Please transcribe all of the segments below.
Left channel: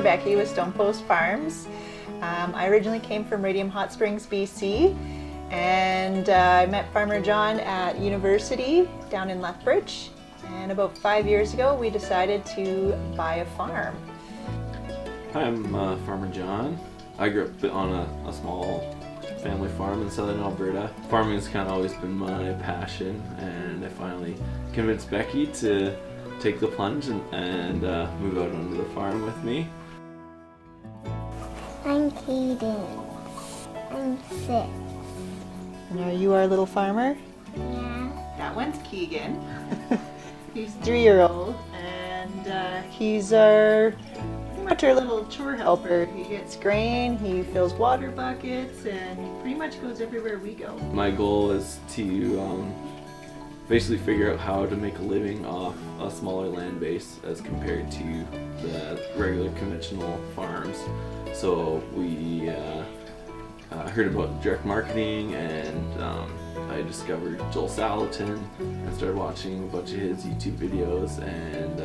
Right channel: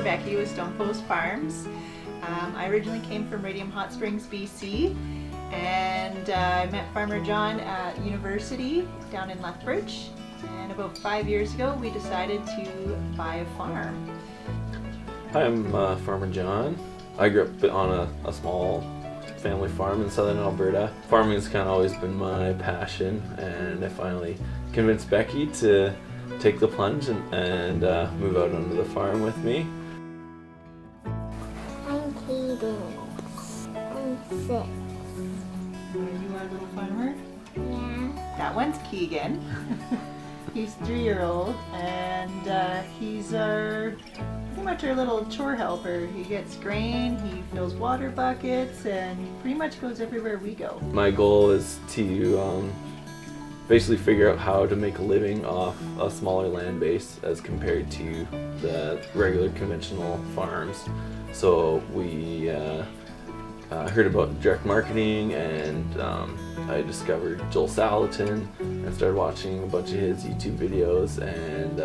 Farmer Becky with Stonepost Farms. I originally came from Radium Hot Springs, BC, and I met Farmer John at university down in Lethbridge. And about 5 years ago, we decided to buy a farm. Hi, I'm Farmer John. I grew up on a small family farm in southern Alberta. Farming has kind of always been my passion, and I finally convinced Becky to take the plunge and move out onto the farm with me. I'm Cadence. I'm 6. Are you our little farmer? Yeah. That one's Keegan. He's 3-year-old, and he's pretty much our little chore helper. He gets grain, he fills water buckets, and he pretty much goes everywhere we go. My goal is to basically figure out how to make a living off a smaller land base as compared to the regular conventional farms. So we heard about direct marketing, and I discovered Joel Salatin and started watching a bunch of his YouTube videos, and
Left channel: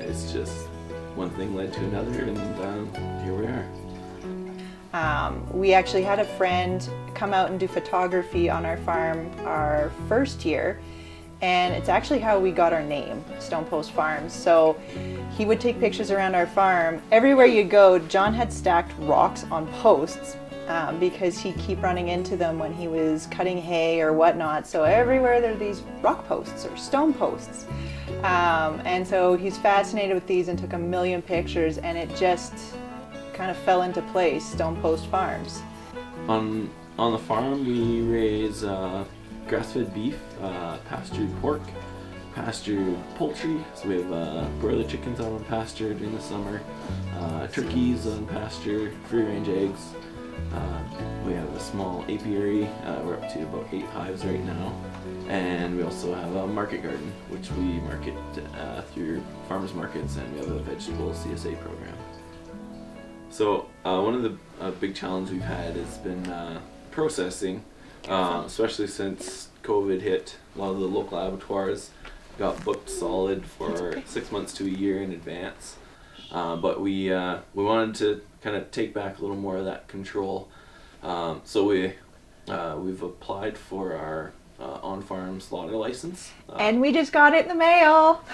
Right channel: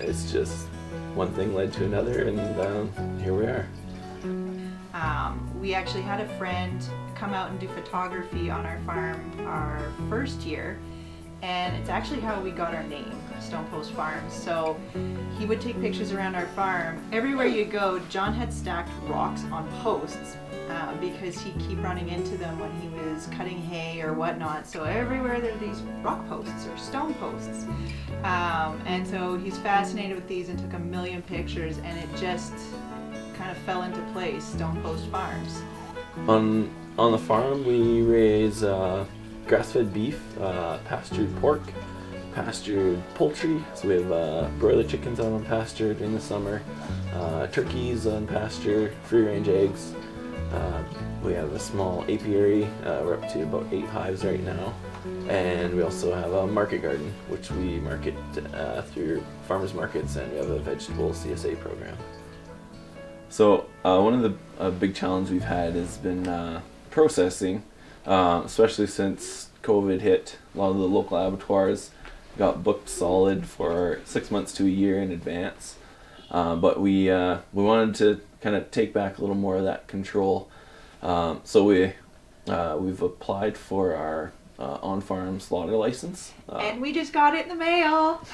it's just one thing led to another, and here we are. We actually had a friend come out and do photography on our farm our first year, and it's actually how we got our name, Stonepost Farms. So he would take pictures around our farm. Everywhere you go, John had stacked rocks on posts because he'd keep running into them when he was cutting hay or whatnot. So everywhere there are these rock posts or stone posts. And so he's fascinated with these and took a million pictures, and it just kind of fell into place, Stonepost Farms. On the farm, we raise grass-fed beef, pastured pork, pastured poultry. So we have broiler chickens out on pasture during the summer, turkeys on pasture, free-range eggs. We have a small apiary. We're up to about 8 hives right now. And we also have a market garden, which we market through farmers markets, and we have a vegetable CSA program. So one of the big challenges we've had has been processing, especially since COVID hit. A lot of the local abattoirs got booked solid for 6 months to a year in advance. But we wanted to kind of take back a little more of that control. So we've applied for our on-farm slaughter license. And we just got it in the mail.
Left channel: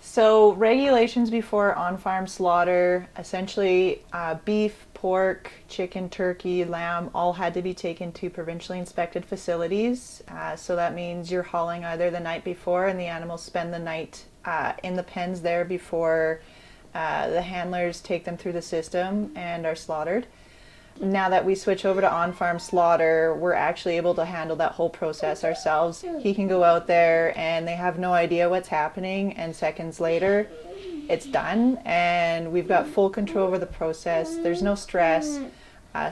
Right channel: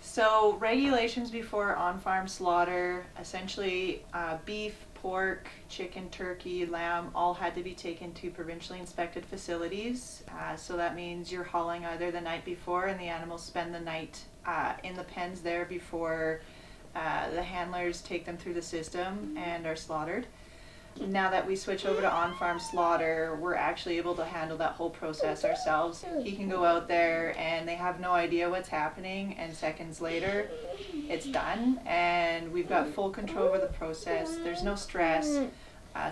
So regulations before on-farm slaughter, essentially beef, pork, chicken, turkey, lamb, all had to be taken to provincially inspected facilities. So that means you're hauling either the night before, and the animals spend the night in the pens there before the handlers take them through the system and are slaughtered. Now that we switch over to on-farm slaughter, we're actually able to handle that whole process ourselves. He can go out there and they have no idea what's happening, and seconds later it's done, and we've got full control over the process. There's no stress.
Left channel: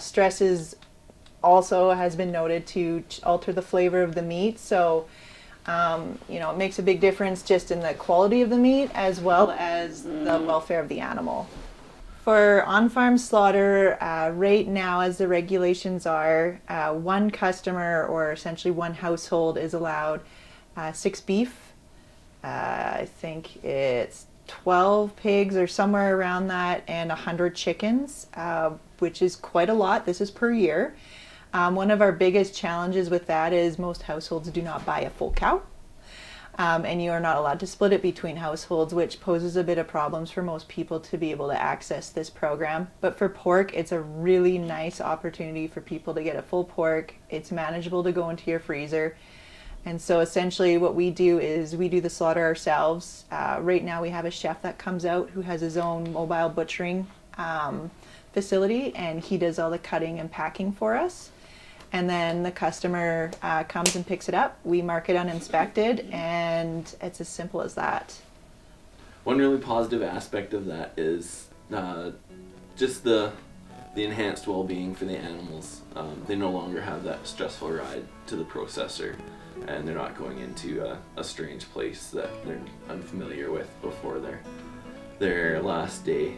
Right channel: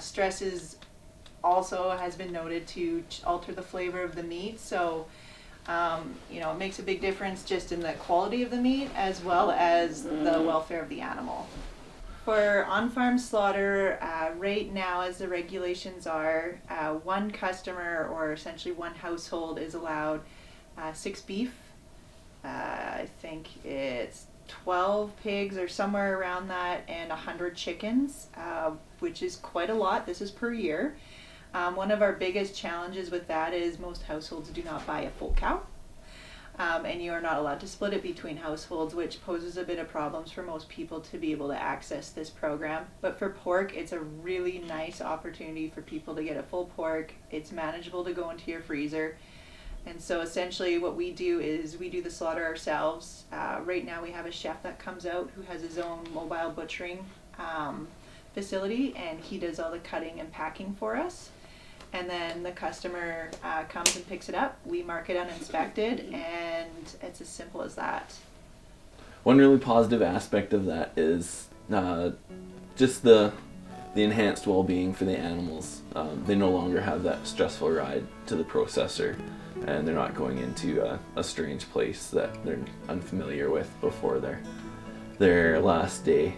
Stress is also has been noted to alter the flavor of the meat, so it makes a big difference just in the quality of the meat as well as the welfare of the animal. For on-farm slaughter, right now, as the regulations are, one customer or essentially one household is allowed 6 beef. I think it's 12 pigs or somewhere around that, and 100 chickens, which is quite a lot. This is per year. One of our biggest challenges with that is most households do not buy a full cow. And you are not allowed to split it between households, which poses a bit of problems for most people to be able to access this program. But for pork, it's a really nice opportunity for people to get a full pork. It's manageable to go into your freezer. And so essentially what we do is we do the slaughter ourselves. Right now we have a chef that comes out who has his own mobile butchering facility, and he does all the cutting and packing for us. And then the customer comes and picks it up. We mark it uninspected, and it's as simple as that. One really positive aspect of that is just the enhanced well-being for the animals. They no longer have that stressful ride to the processor, and they're not going into a strange place that they're unfamiliar with before their last day.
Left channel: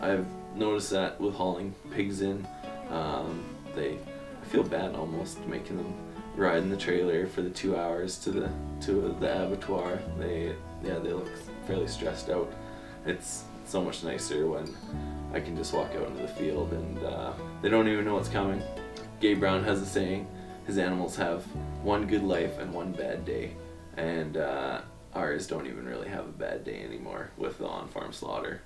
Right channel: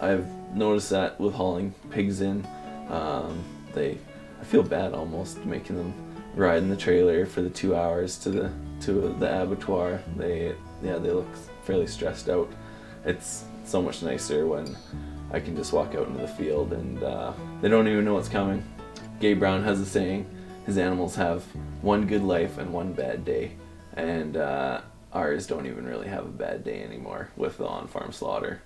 I've noticed that with hauling pigs in, I feel bad almost making them ride in the trailer for the 2 hours to the abattoir. They look fairly stressed out. It's so much nicer when I can just walk out into the field and they don't even know what's coming. Gabe Brown has a saying, his animals have one good life and one bad day. And ours don't even really have a bad day anymore with the on-farm slaughter.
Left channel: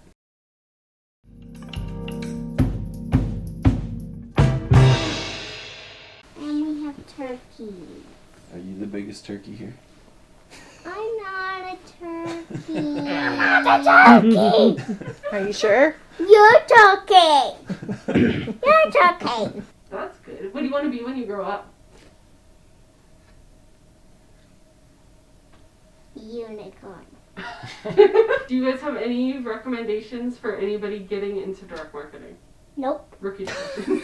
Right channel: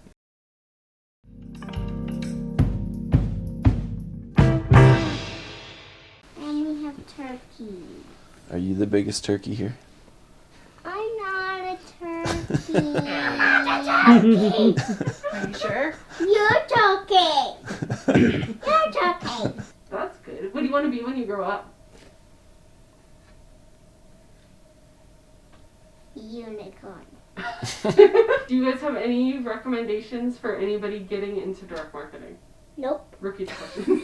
And we have turkey. Are you the biggest turkey here? I'm not a turkey. I'm not a turkey. Are you sure? You're turkey. You're turkey. That's good. What do you want to be when you grow up? Unicorn. Do you guys have any recommendations for anybody getting into direct marketing? Nope. Rookie question. You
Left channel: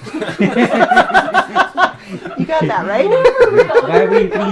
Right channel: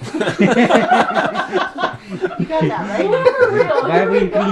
got that right. For real. Why are we